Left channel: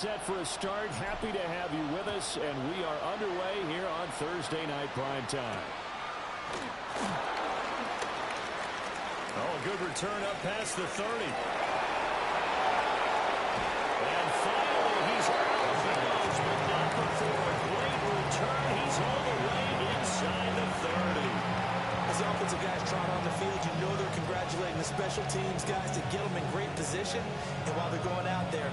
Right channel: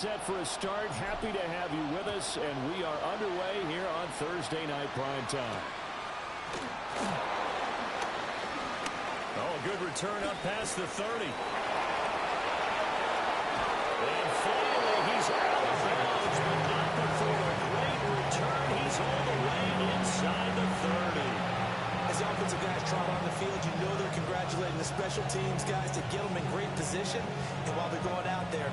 Set for a start. Happy to have you with us, and we are underway here on Thursday Night Prime Time. Oh, a good return up past the 30. And finally, he's out of bounds, but not before a great return. He's all the way inside the 30. As the offensive guys trot on the field, you know they're congratulating the special teams guys to get them in great position. And while they're going out there,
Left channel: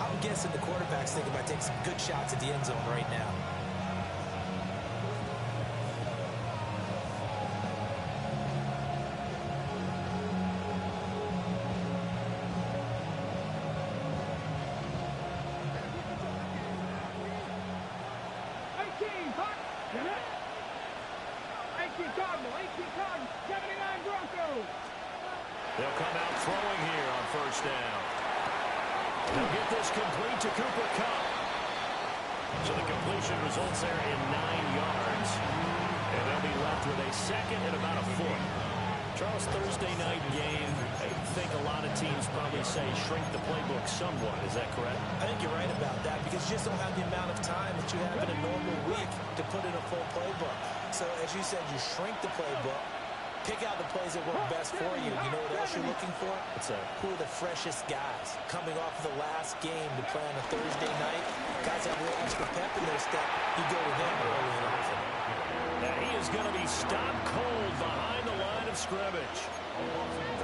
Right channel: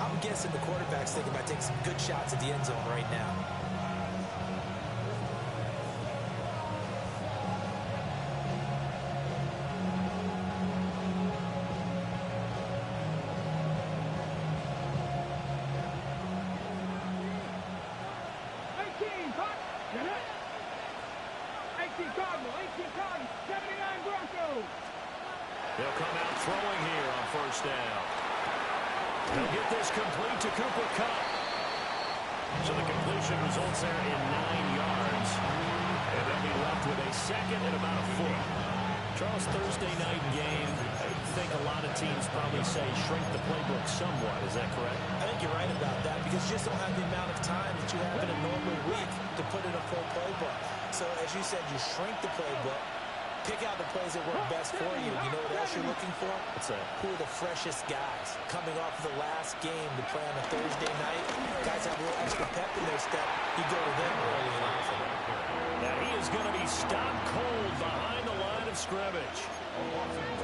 I'm guessing the quarterback's thinking about taking some good shots at the end zone right now. Cardinals, 79 Broncos. They'll come out throwing here on first down. They'll get this complete to Cooper Kupp. So the completion results there in 9 yards. And they'll be left with a second and about a foot. Charles, Thursday night game, I think a lot of teams probably say shrink the playbook somewhat. Is that correct? I think you're right about that because you just don't have the amount of time that you have in a normal week to put in a full playbook. So as you said, you shrink the playbook, pick out the plays that work best for you. You know what else you're looking for? What's that? Who are the freshest guys coming off of the last game to play on a Thursday night? Guys have a little extra pep in their step. You go to them early and often. Now he is going to be stopped cold behind the line of scrimmage.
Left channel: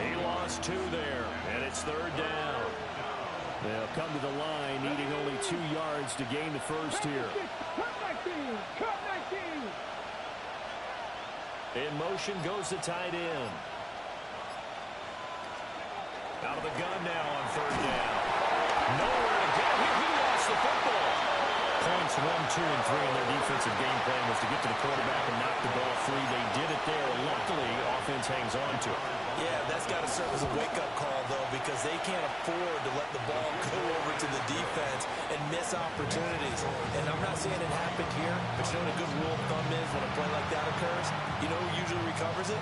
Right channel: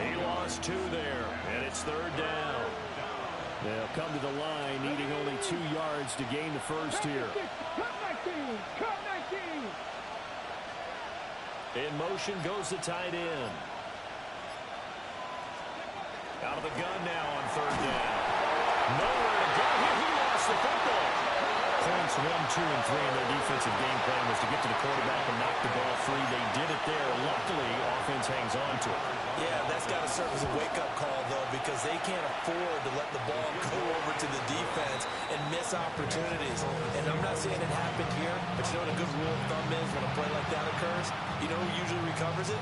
He lost 2 there, and it's third down. They'll come to the line needing only 2 yards to gain the first here. Cut 19. In motion goes the tight end. Out of the gun now on third down. Nowhere to go here. He lost the football. Points 1, 2, and 3 in their defensive game plan was to get to the quarterback and knock the ball free. They did it there. Luckily, offense hangs on to it. Yeah, that's got to serve as a wake-up call, though, because they can't afford to let the ball go over to the defense and miss opportunities. And I'm not saying it happened here, but you know what a good rule of thumb is when a play like that occurs? You know who usually recovers it?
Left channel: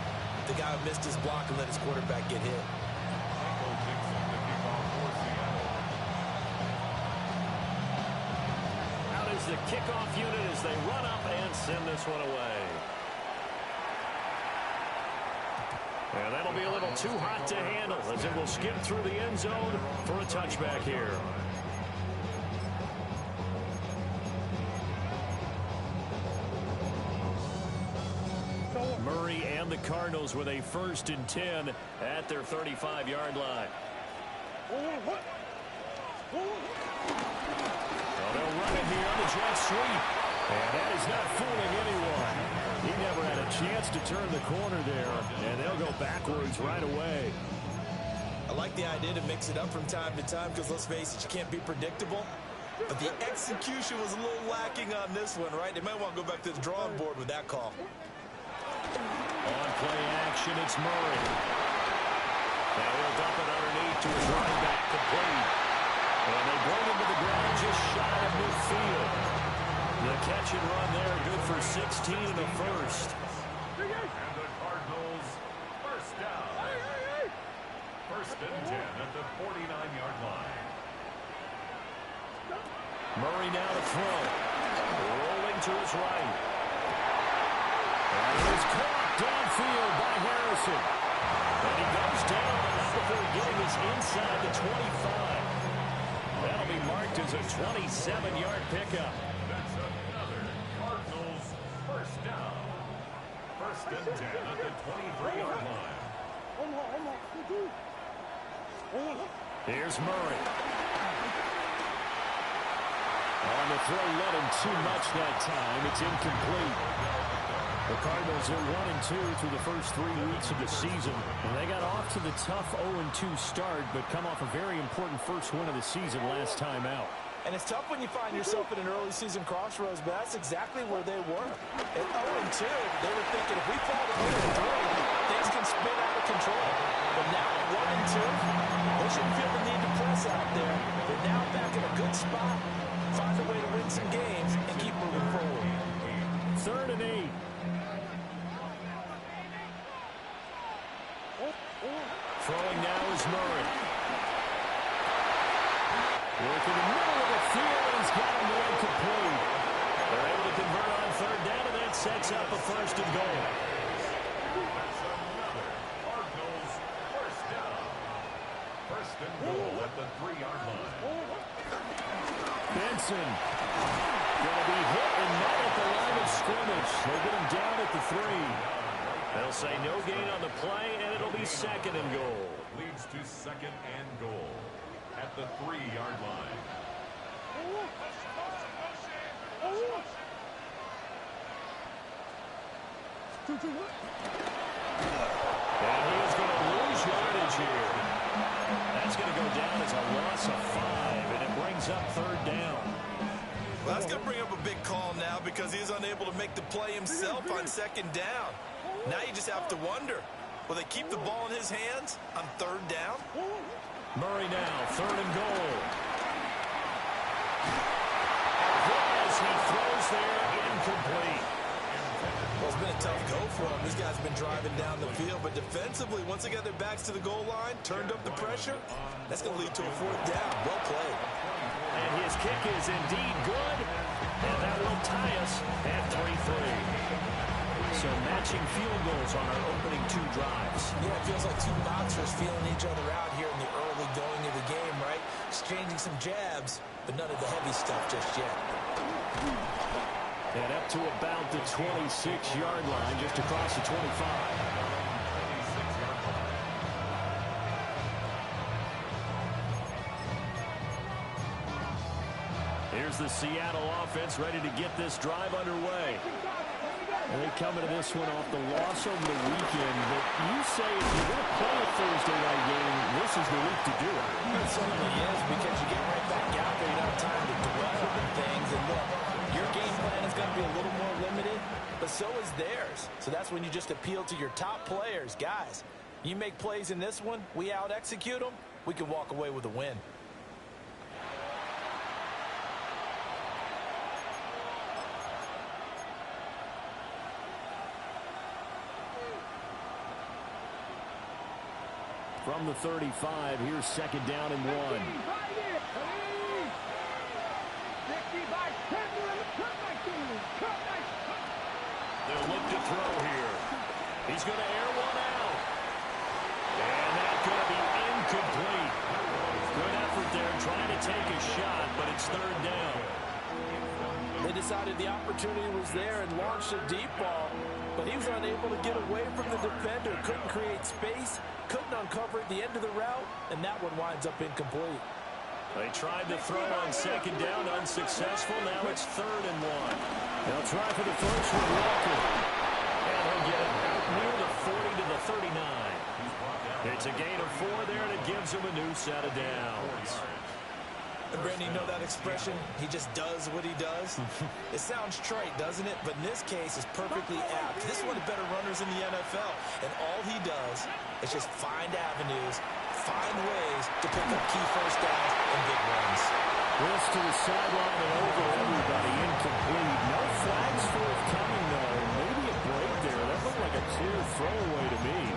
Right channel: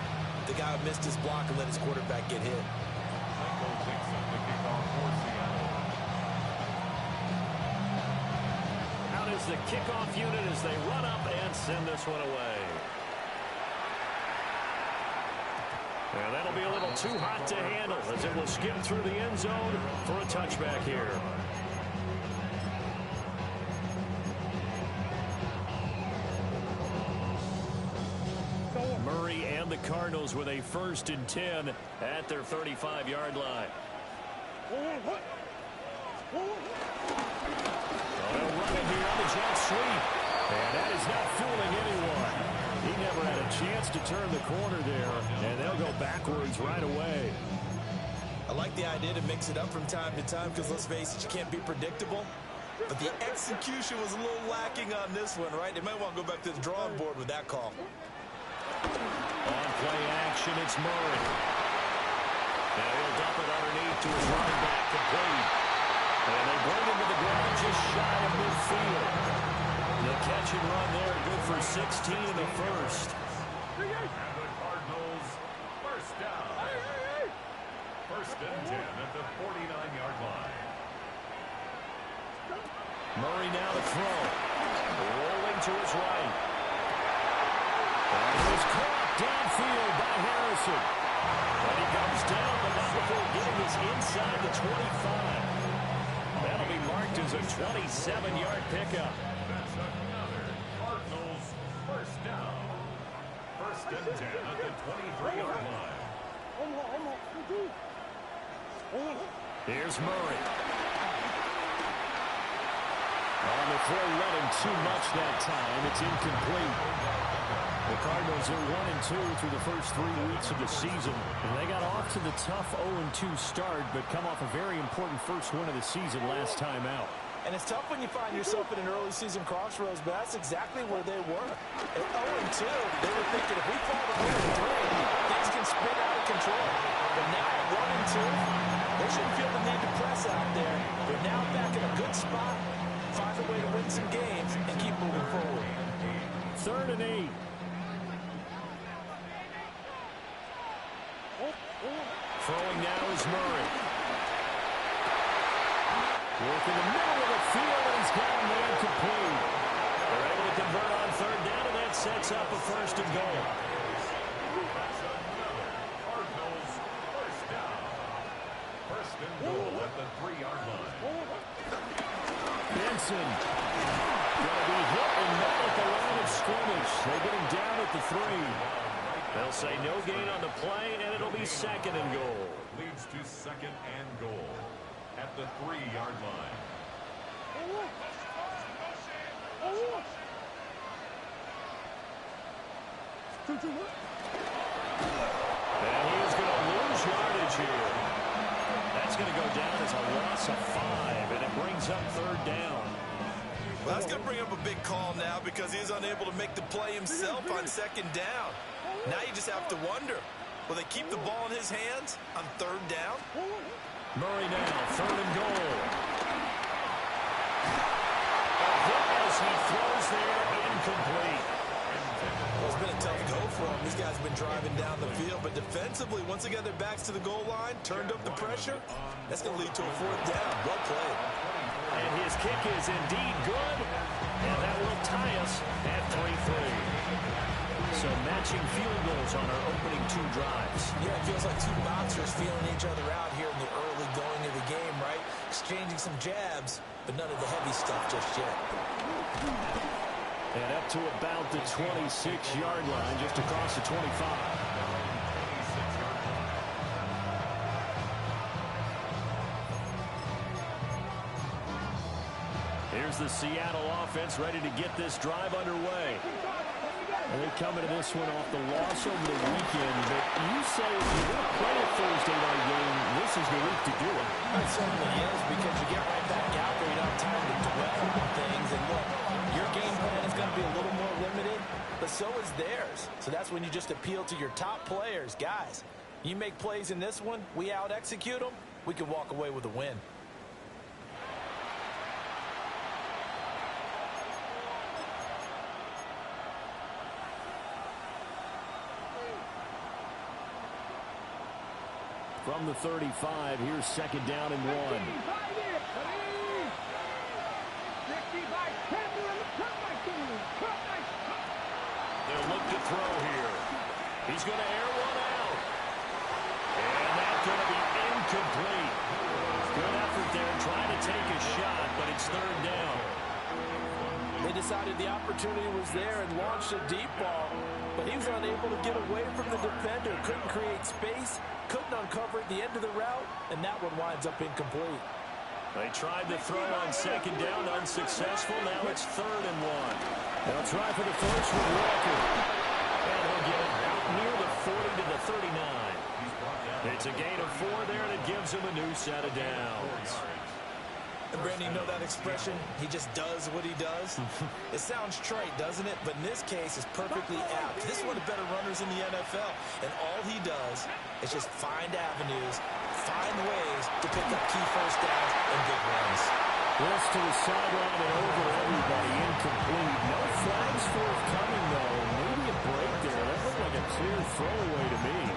The guy who missed his block and let his quarterback get hit. Is the kickoff unit as they run up and send this one away. And that'll be a little too hot to handle as it will skip through the end zone for a touchback here. Murray and the Cardinals with a 1st and 10 at their 35-yard line. They'll run it here on the jet sweep. And that is not fooling anyone. He never had a chance to turn the corner there. And they'll go backwards right away. I like the idea to mix it up from time to time because, let's face it, you can't be predictable. But the execution was a little lacking on this one, right? They might want to go back to the drawing board with that call. On play action, it's Murray. Now he'll dump it underneath to his running back, complete. And they bring him to the ground just shy of midfield. The catch and run there, good for 16 and a first. And the Cardinals, first down. 1st and 10 at the 49-yard line. Murray now to throw. Rolling to his right. And it is caught downfield by Harrison. And he comes down, but not before getting us inside the 25. That'll be marked as a 27-yard pickup. That's another Cardinals first down. 1st and 10 at the 23-yard line. Here's Murray. On the throw, led him too much that time. It's incomplete. The Cardinals are 1-2 through the first 3 weeks of the season. And they got off to the tough 0-2 start, but come off a very important first win of the season last time out. And it's tough when you find yourself in an early season crossroads, but that's exactly where they were. At 0-2, they were thinking if we fall to 0-3, things can spin out of control. But now at 1-2, they shouldn't feel the need to press out there. They're now back in a good spot, find a way to win some games, and keep moving forward. 3rd and 8. Throwing now is Murray. Work in the middle of the field, and he's got him there complete. They're able to convert on third down, and that sets up a first and goal. That's another Cardinals first down. First and goal at the 3-yard line. Benson going to be hit and not at the line of scrimmage. They get him down at the 3. They'll say no gain on the play, and it'll be second and goal. Leads to second and goal at the 3-yard line. And he is going to lose yardage here. That's going to go down as a loss of 5, and it brings up third down. Well, that's going to bring up a big call now because he's unable to make the play himself on second down. Now you just have to wonder, will they keep the ball in his hands on third down? Murray now, third and goal. A hit as he throws there, incomplete. Well, it's been a tough go for him. These guys have been driving down the field, but defensively, once they got their backs to the goal line, turned up the pressure, that's going to lead to a fourth down. Well played. And his kick is indeed good, and that will tie us at 3-3. So matching field goals on our opening 2 drives. Yeah, it feels like 2 boxers feeling each other out here in the early going of the game, right? Exchanging some jabs, but none of the heavy stuff just yet. And up to about the 26-yard line, just across the 25. Here's the Seattle offense ready to get this drive underway. And they come into this one off the loss over the weekend. But you say if you're going to play a Thursday night game, this is the week to do it. It certainly is, because you get right back out there. You don't have time to dwell on things. And look, your game plan is going to be a little more limited, but so is theirs. So that's when you just appeal to your top players. Guys, you make plays in this one, we out-execute them, we can walk away with a win. From the 35, here's second down and 1. They'll look to throw here. He's going to air one out. And that's going to be incomplete. Good effort there trying to take a shot, but it's third down. They decided the opportunity was there and launched a deep ball, but he was unable to get away from the defender. Couldn't create space, couldn't uncover at the end of the route, and that one winds up incomplete. They tried to throw on second down, unsuccessful. Now it's third and 1. They'll try for the first with Walker. And he'll get it out near the 40 to the 39. It's a gain of 4 there, and it gives him a new set of downs. And Brandon, you know that expression, he just does what he does? It sounds trite, doesn't it? But in this case, it's perfectly apt. This is one of the better runners in the NFL. And all he does is just find avenues, find ways to pick up key first downs and big runs. This to the sideline and over everybody, incomplete. No flags forthcoming, though. Maybe a break there. That looked like a clear throwaway to me.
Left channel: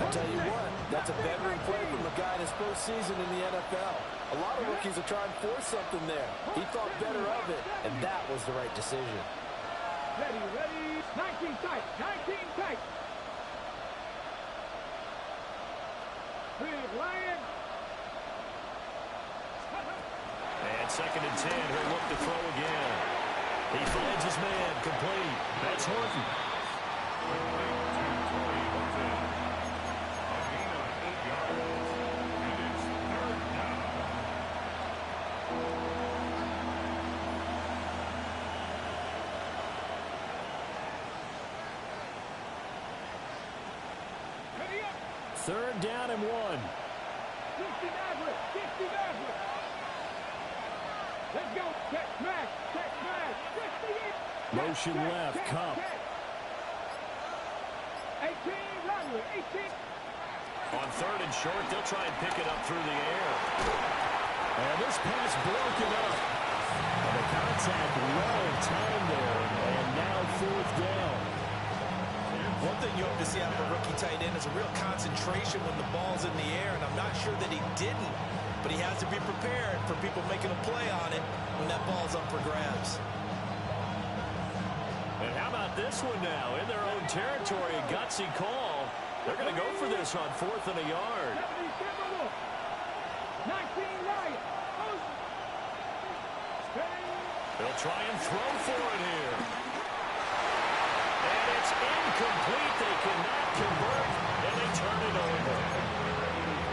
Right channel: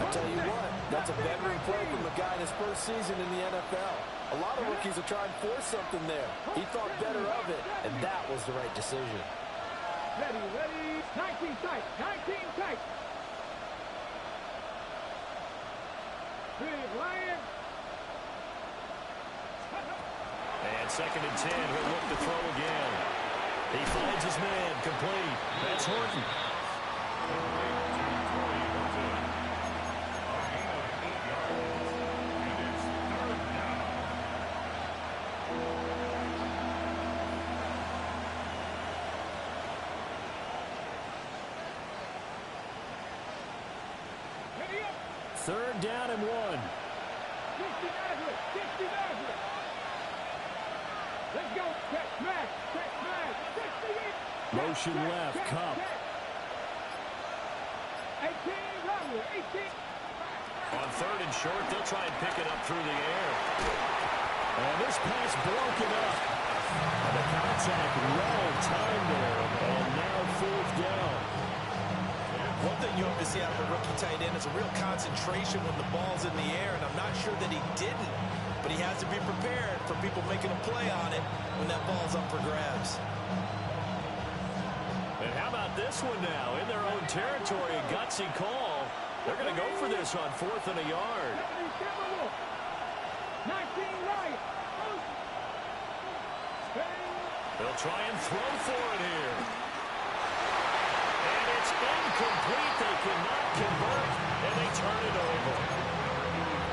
I tell you what, that's a veteran play from a guy in his first season in the NFL. A lot of rookies are trying to force something there. He thought better of it, and that was the right decision. Ready, 19 tight, 19 tight. Big Lion. And second and 10, he'll look to throw again. He finds his man, complete. That's Horton. Third down and 1. 60 Nazareth, 60 Nazareth. Let's go. Check smash, 60. Motion left, Cup. 18, Rodley, 18. On third and short, they'll try and pick it up through the air. And this pass broken up. And the contact well timed there. And now fourth down. One thing you hope to see out of a rookie tight end is a real concentration when the ball's in the air, and I'm not sure that he didn't, but he has to be prepared for people making a play on it when that ball's up for grabs. And how about this one now? In their own territory, a gutsy call. They're going to go for this on 4th and a yard. 19 Lions. They'll try and throw for it here. And it's incomplete. They cannot convert, and they turn it over.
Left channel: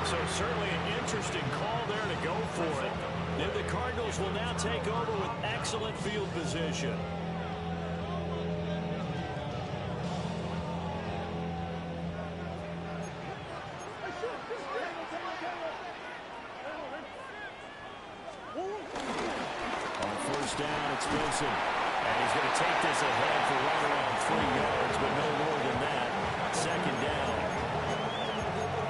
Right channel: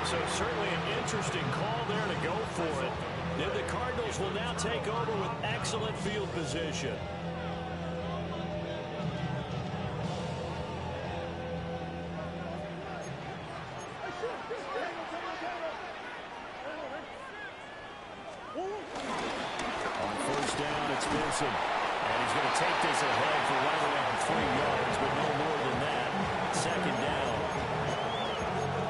So certainly an interesting call there to go for it. And the Cardinals will now take over with excellent field position. On 1st down, it's Vincent. And he's going to take this ahead for right around 3 yards, but no more than that. 2nd down.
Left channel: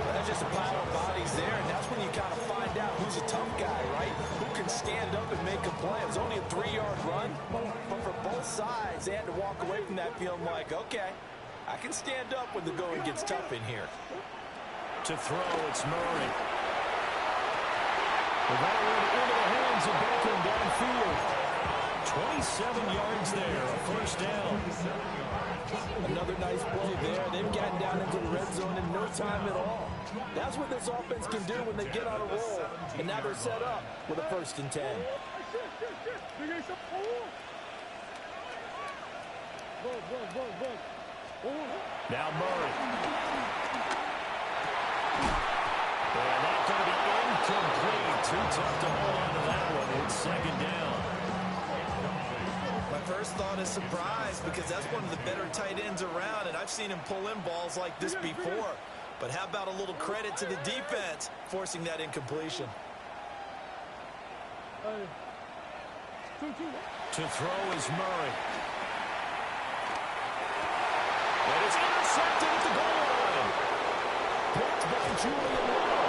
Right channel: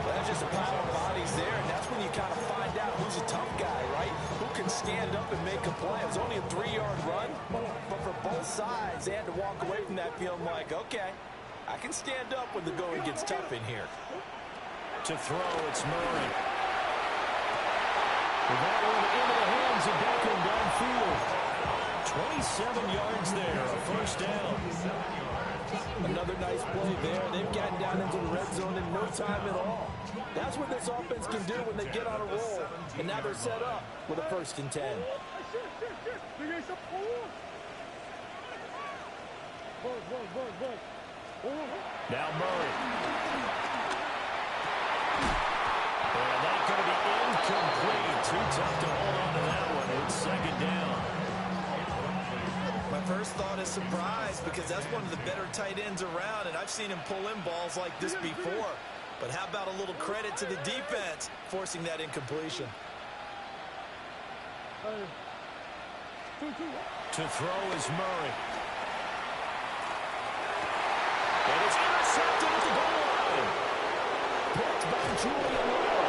Well, that's just a pile of bodies there, and that's when you kind of find out who's a tough guy, right? Who can stand up and make a play. It was only a 3-yard run, but for both sides, they had to walk away from that feeling like, okay, I can stand up when the going gets tough in here. To throw, it's Murray. With that one into the hands of Beckham downfield. 27 yards there, a 1st down. Another nice play there. They've gotten down into the red zone in no time at all. That's what this offense can do when they get on a roll. And now they're set up with a 1st and 10. Now Murray. And that's going to be incomplete. Too tough to hold on to that one. It's 2nd down. My first thought is surprise, because that's one of the better tight ends around, and I've seen him pull in balls like this before. But how about a little credit to the defense forcing that incompletion? To throw is Murray. And it's intercepted at the goal line. Picked by Julian Lowe.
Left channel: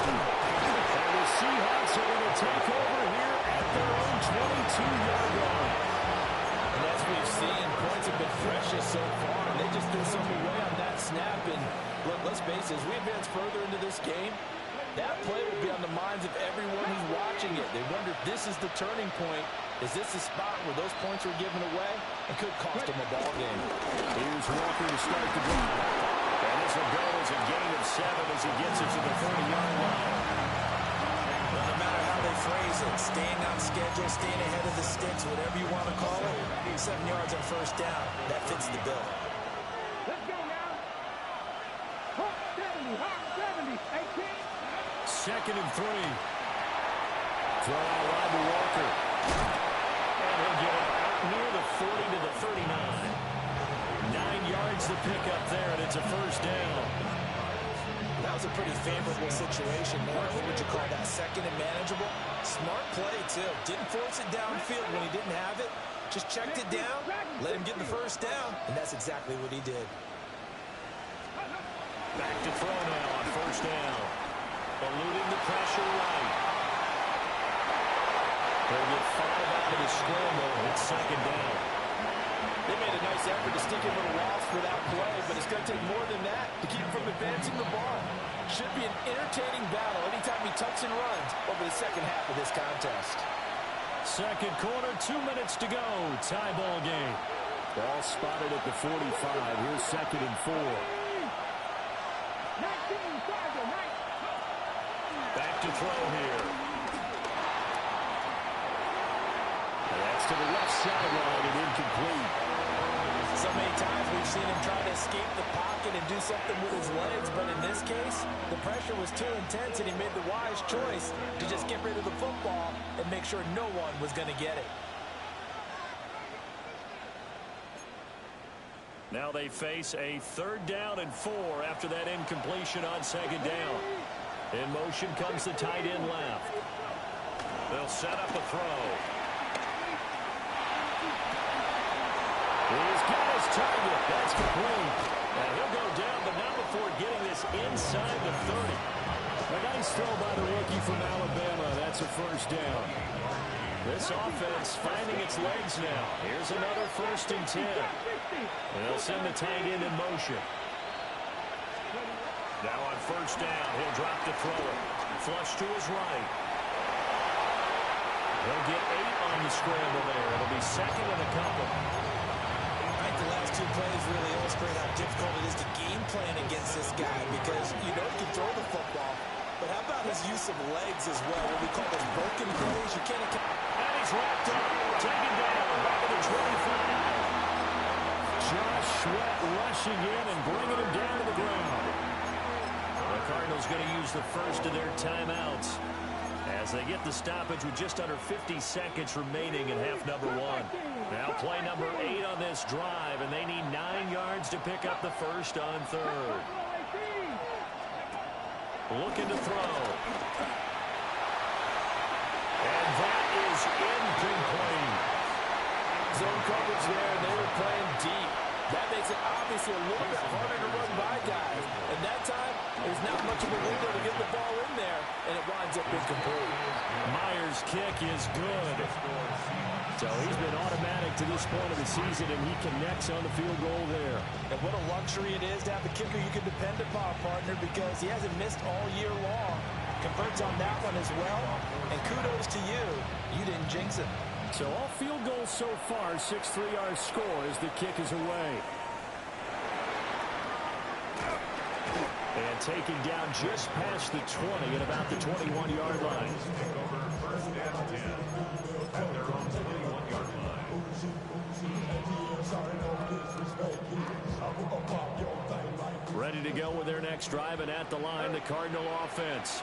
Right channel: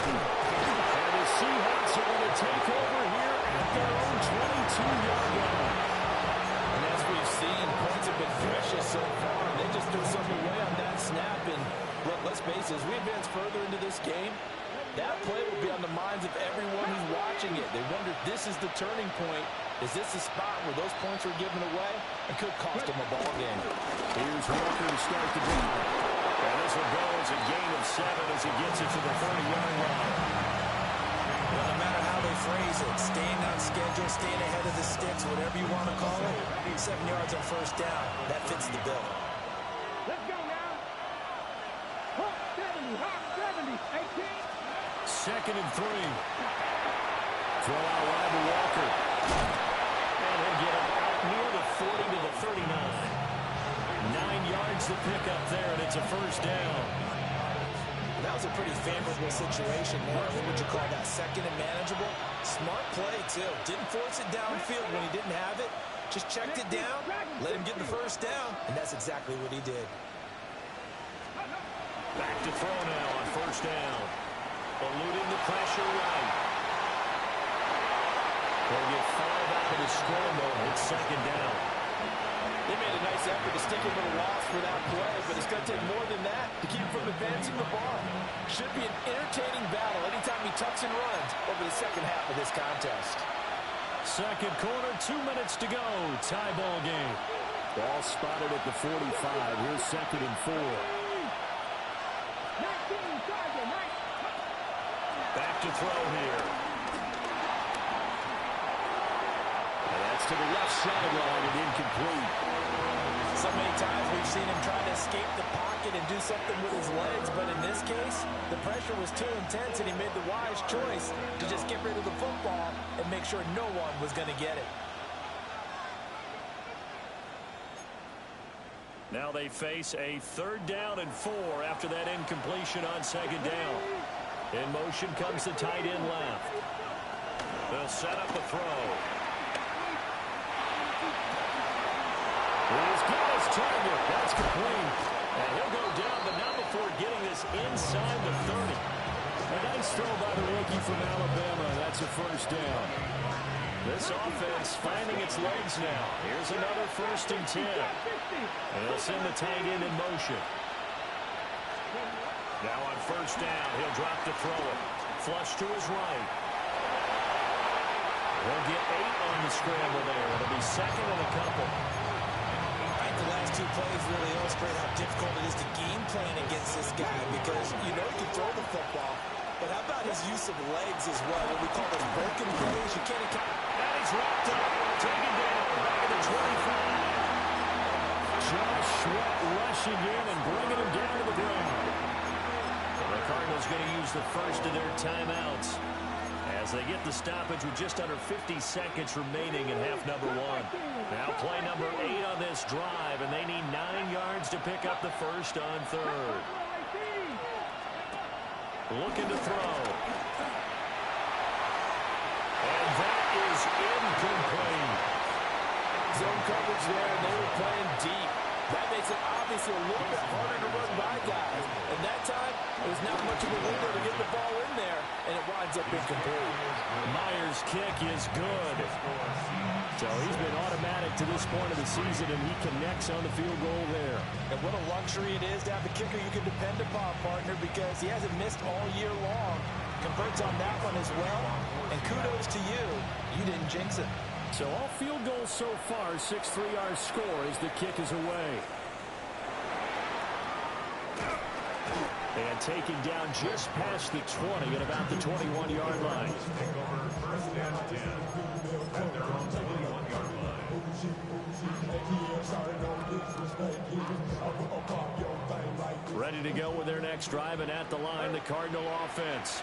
And the Seahawks are going to take over here at their own 22-yard line. And as we've seen, points have been precious so far. They just threw something away on that snap. And look, let's face it, as we advance further into this game, that play will be on the minds of everyone who's watching it. They wonder if this is the turning point. Is this the spot where those points were given away and could cost them a ball game? Here's Walker to start the drive. And this will go as a gain of 7 as he gets it to the 30-yard line. Well, no matter how they phrase it, staying on schedule, staying ahead of the sticks, whatever you want to call it, 7 yards on 1st down, that fits the bill. Let's go now. Hawk 70, 18. 2nd and 3. Throw out wide to Walker. And he'll get it out near the 40 to the 39. 9 yards to pick up there, and it's a 1st down. That was a pretty favorable situation there. What would you call that? 2nd and manageable? Smart play, too. Didn't force it downfield when he didn't have it. Just checked it down, let him get the 1st down, and that's exactly what he did. Back to throw now on 1st down. Eluding the pressure right. They'll get 5 out of the scramble. It's 2nd down. They made a nice effort to stick him with a loss for that play, but it's going to take more than that to keep him from advancing the ball. Should be an entertaining battle anytime he tucks and runs over the 2nd half of this contest. 2nd quarter, 2 minutes to go. Tie ball game. Ball spotted at the 45. Here's 2nd and 4. 19, Tiger, 19. Back to throw here. And that's to the left sideline and incomplete. So many times we've seen him try to escape the pocket and do something with his legs, but in this case, the pressure was too intense and he made the wise choice to just get rid of the football and make sure no one was going to get it. Now they face a 3rd down and 4 after that incompletion on 2nd down. In motion comes the tight end left. They'll set up a throw. He's got his target. That's complete. And he'll go down, but not before getting this inside the 30. A nice throw by the rookie from Alabama. That's a 1st down. This offense finding its legs now. Here's another 1st and 10. And they'll send the tight end in motion. Now on 1st down, he'll drop to throw it. Flush to his right. He'll get 8 on the scramble there. It'll be 2nd and a couple. I think the last 2 plays really illustrate how difficult it is to game plan against this guy because you know he can throw the football. But how about his use of legs as well? What we call those broken plays. You can't account. And he's wrapped up. Taken down. Back at the 25. Josh Sweat rushing in and bringing him down to the ground. The Cardinals going to use the first of their timeouts as they get the stoppage with just under 50 seconds remaining in half number 1. Now play number 8 on this drive, and they need 9 yards to pick up the first on 3rd. Looking to throw. And that is incomplete. Zone coverage there, and they were playing deep. That makes it obviously a little bit harder to run by guys. And that time, there's not much of a window to get the ball in there, and it winds up incomplete. Myers' kick is good. So he's been automatic to this point of the season, and he connects on the field goal there. And what a luxury it is to have a kicker you can depend upon, partner, because he hasn't missed all year long. Converts on that one as well, and kudos to you. You didn't jinx it. So all field goals so far, 6-3 our score as the kick is away. And taken down just past the 20 at about the 21-yard line. Take over 1st and 10 at their own 21-yard line. Ready to go with their next drive, and at the line, the Cardinal offense.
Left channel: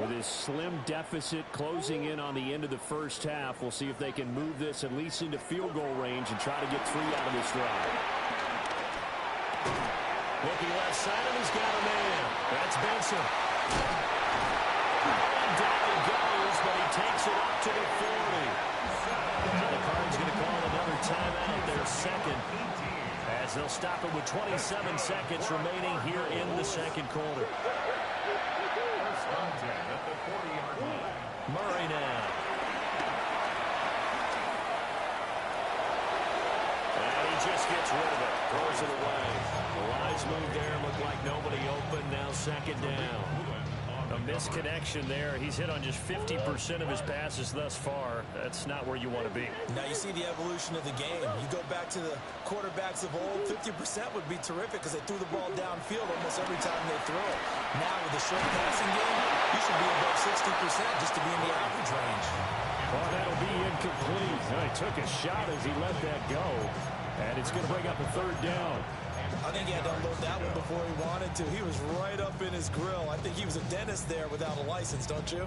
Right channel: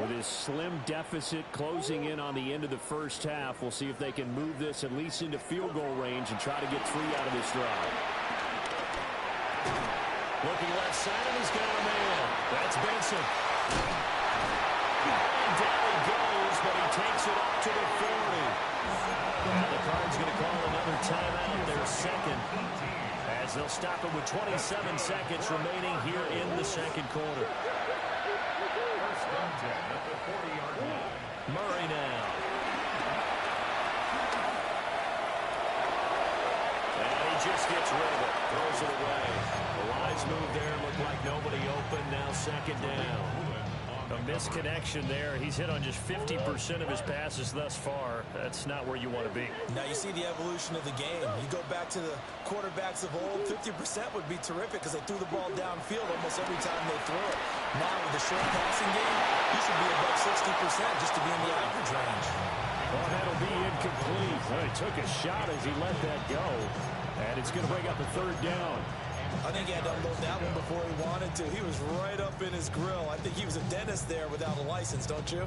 With his slim deficit closing in on the end of the first half, we'll see if they can move this at least into field goal range and try to get 3 out of this drive. Looking left side, and he's got a man. That's Benson. And down he goes, but he takes it up to the 40. Now the Cards going to call another timeout, their 2nd, as they'll stop it with 27 seconds remaining here in the 2nd quarter. 1st and 10 at the 40-yard line. Murray now. And he just gets rid of it. Throws it away. The wise move there. Looked like nobody open. Now 2nd down. A misconnection there. He's hit on just 50% of his passes thus far. That's not where you want to be. Now you see the evolution of the game. You go back to the quarterbacks of old, 50% would be terrific because they threw the ball downfield almost every time they threw it. Now with the short passing game, you should be above 60% just to be in the average range. Oh, that'll be incomplete. Oh, he took a shot as he let that go. And it's going to bring up a 3rd down. I think he had to unload that one before he wanted to. He was right up in his grill. I think he was a dentist there without a license, don't you?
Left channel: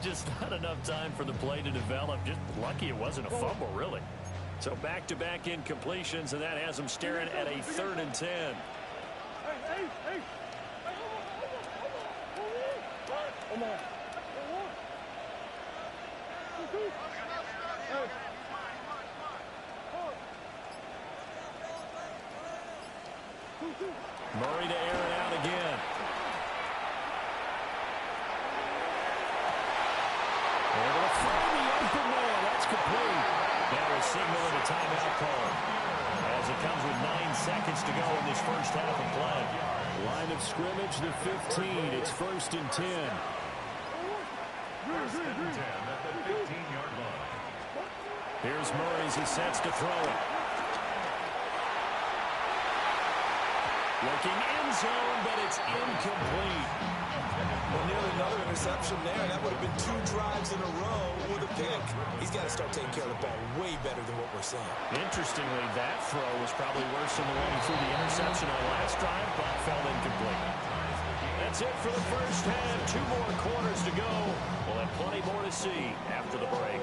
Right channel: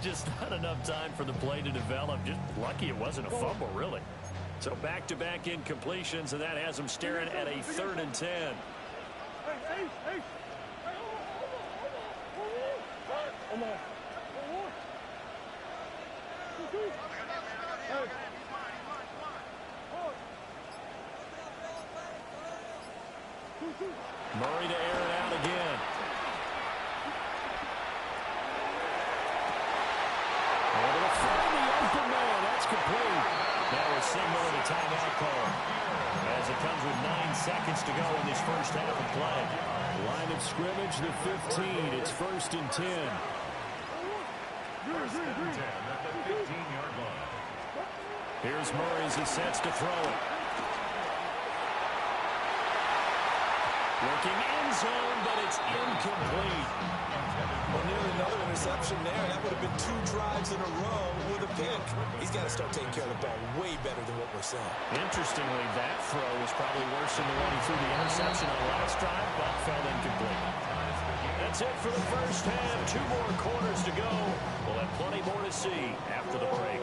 Just not enough time for the play to develop. Just lucky it wasn't a fumble, really. So back-to-back incompletions, and that has him staring at a 3rd and 10. Murray to air it out again. Able to find the open man. That's complete. Now a signal and a timeout call as it comes with 9 seconds to go in this first half of play. Line of scrimmage, the 15. It's 1st and 10. 1st and 10 at the 15-yard line. Here's Murray as he sets to throw it. Looking end zone, but it's incomplete. Well, nearly another interception there. That would have been 2 drives in a row with a pick. He's got to start taking care of the ball way better than what we're seeing. Interestingly, that throw was probably worse than the one he threw the interception on last drive, but fell incomplete. That's it for the first half. 2 more quarters to go. We'll have plenty more to see after the break.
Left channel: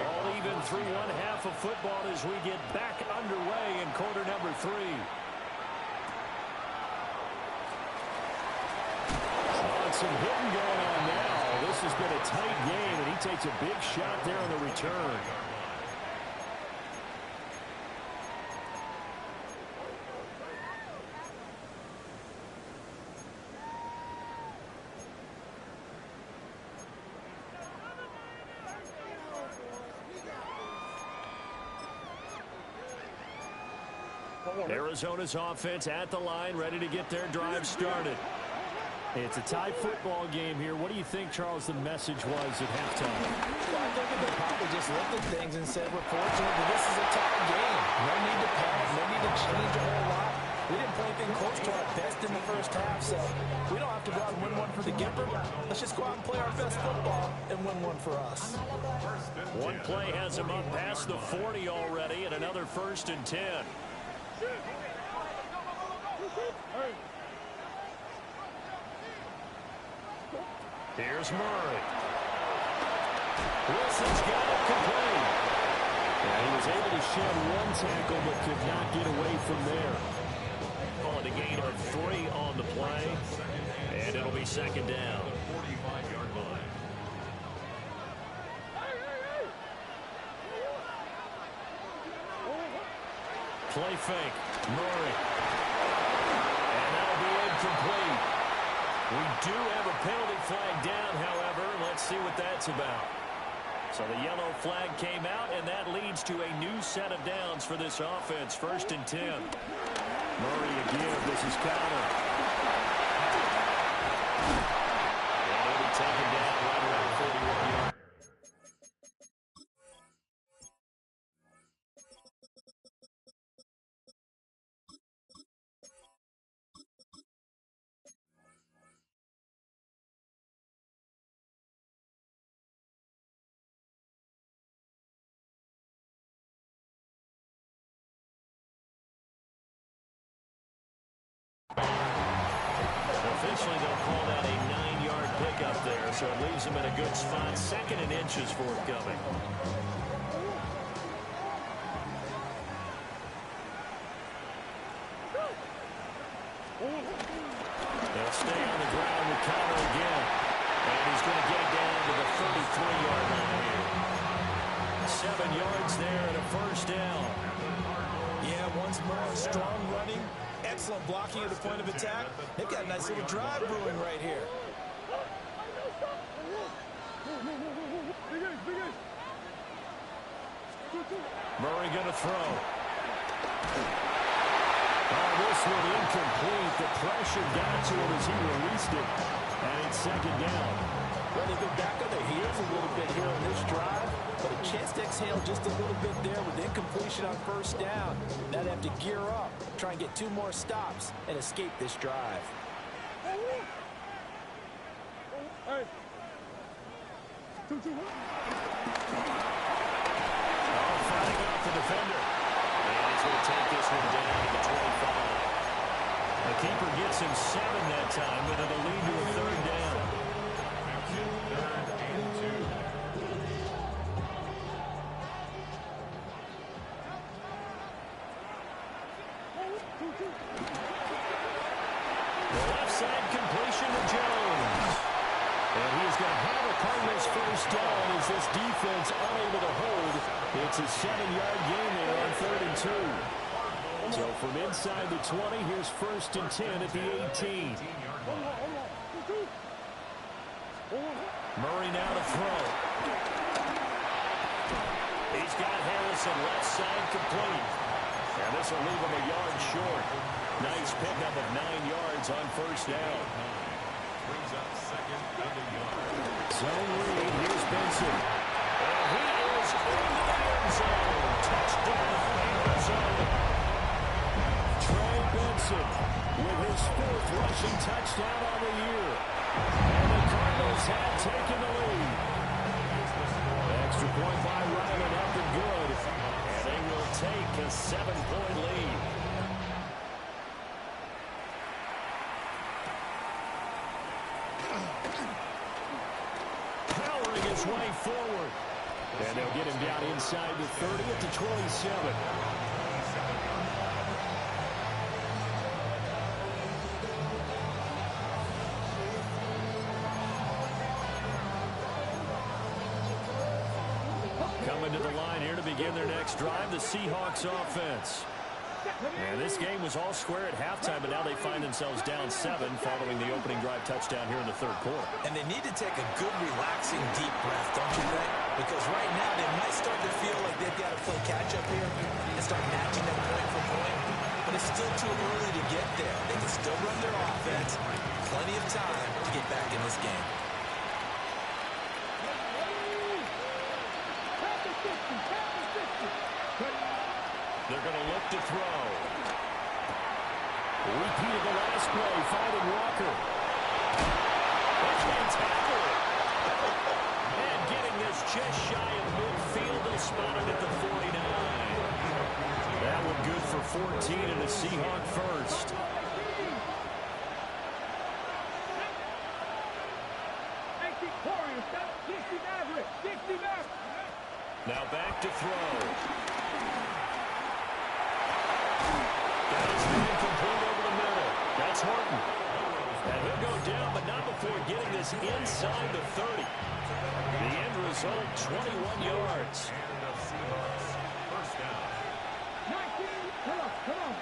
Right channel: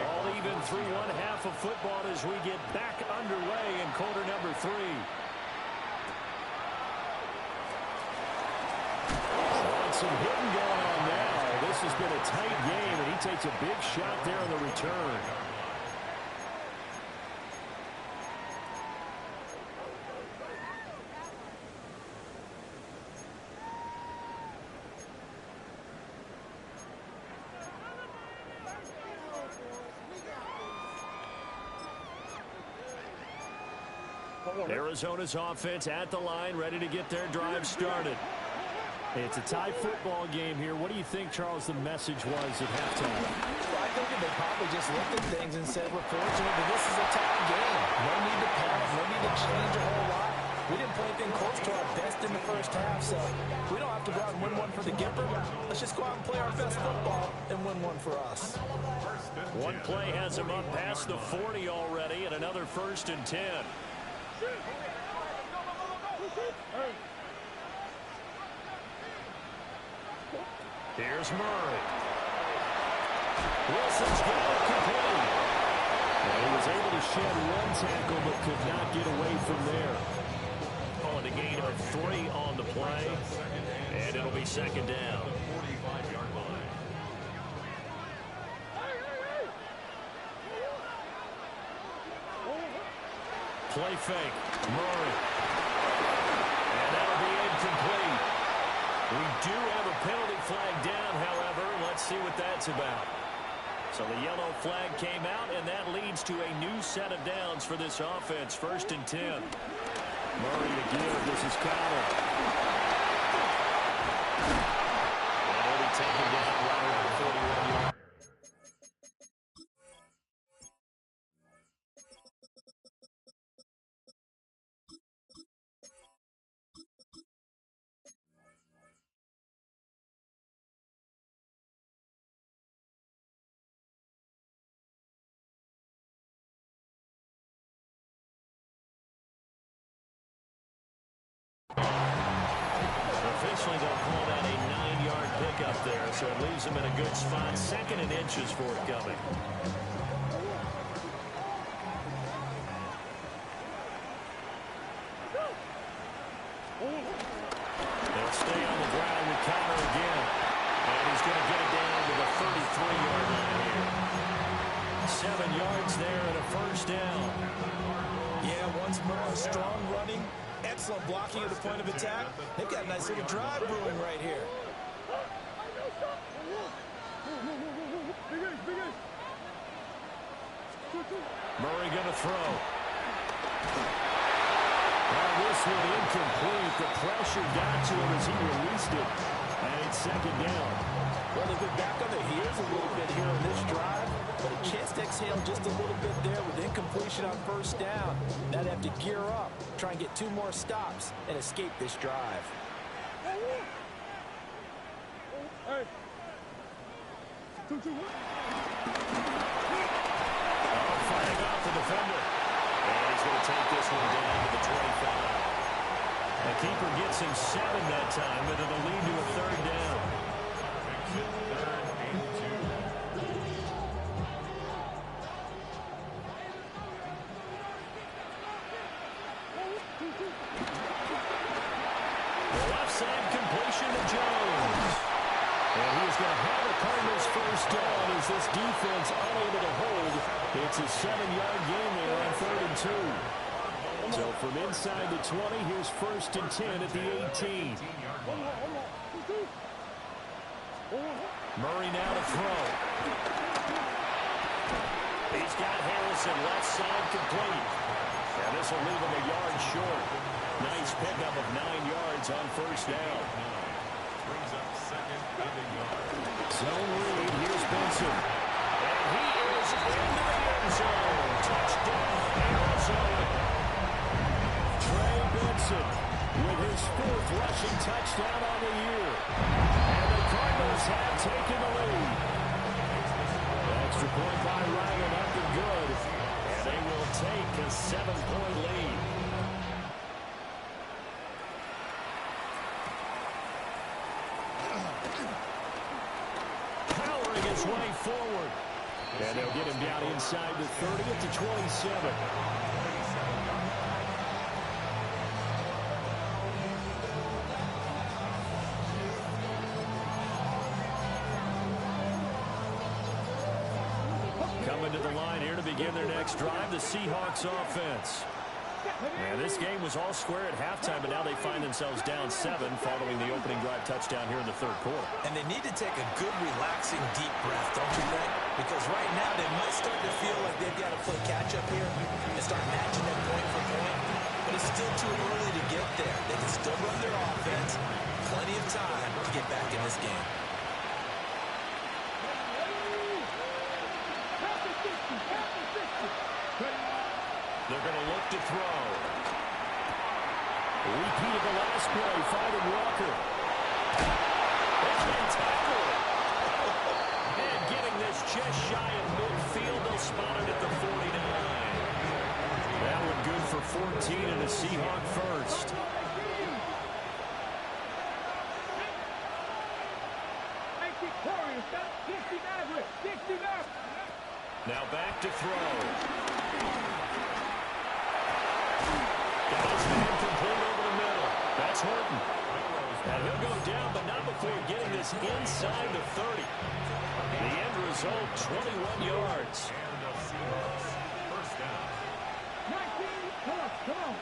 All even through 1/2 of football as we get back underway in quarter number 3. Some hitting going on now. This has been a tight game, and he takes a big shot there on the return. Arizona's offense at the line, ready to get their drive started. It's a tie football game here. What do you think, Charles, the message was at halftime? Well, I think that they probably just looked at things and said, we're fortunate that this is a tie game. No need to panic, no need to change a whole lot. We didn't play anything close to our best in the first half, so we don't have to go out and win one for the Gipper. Let's just go out and play our best football and win one for us. One play has him up past the 40 already, and another 1st and 10. Here's Murray. Wilson's got it complete. And he was able to shed one tackle but could not get away from there. Calling a gain of 3 on the play. And it'll be 2nd down. 45-yard line. Play fake. Murray. And that'll be incomplete. We do have a penalty flag down, however. Let's see what that's about. So the yellow flag came out, and that leads to a new set of downs for this offense. 1st and 10. Murray again. This is Connor. And he'll be taken down right around the 41-yard. Officially, they'll call that a 9-yard pickup there, so it leaves them in a good spot. 2nd and inches forthcoming. They'll stay on the ground with Connor again, and he's going to get it down to the 33-yard line here. 7 yards there and a 1st down. Yeah, once more, strong running. Excellent blocking at the point of attack. They've got a nice little drive brewing right here. Murray going to throw. Oh, this one incomplete. The pressure got to him as he released it. And it's 2nd down. Well, they've been back on their heels a little bit here on this drive, but a chance to exhale just a little bit there with incompletion on 1st down. Now they have to gear up, try and get 2 more stops, and escape this drive. Fighting off the defender. And he's going to take this one down to the 25. The keeper gets him 7 that time, but it'll lead to a 3rd down. Makes it 3rd and 2. The left side completion to Jones. And he is going to have a Cardinals 1st down as this defense unable to hold. It's a 7-yard gain there on 3rd and 2. So from inside the 20, here's 1st and 10 at the 18. Murray now to throw. He's got Harrison left side complete. And this will leave him a yard short. Nice pickup of 9 yards on 1st down. Brings up 2nd and a yard. Zone read. Here's Benson. And he is into the end zone. Touchdown, Arizona. Trey Benson with his 4th rushing touchdown on the year. And the Cardinals have taken the lead. Extra point by Ryland up and good. And they will take a 7-point lead. Powering his way forward. And they'll get him down inside the 30 at the 27. Coming to the line here to begin their next drive, the Seahawks offense. And this game was all square at halftime, but now they find themselves down 7 following the opening drive touchdown here in the 3rd quarter. And they need to take a good, relaxing, deep breath, don't you think? Because right now they might start to feel like they've got to play catch-up here and start matching them point for point. but it's still too early to get there. They can still run their offense. Plenty of time to get back in this game. They're going to look to throw. Repeat of the last play, finding Walker. They can't tackle it. And getting this just shy of midfield, they'll spot it at the 49. That one good for 14 and a Seahawk first. Now back to throw. Got his man complete over the middle. That's Horton. And he'll go down, but not before getting this inside the 30. The end result, 21 yards. And the Seahawks first down. 19, come on.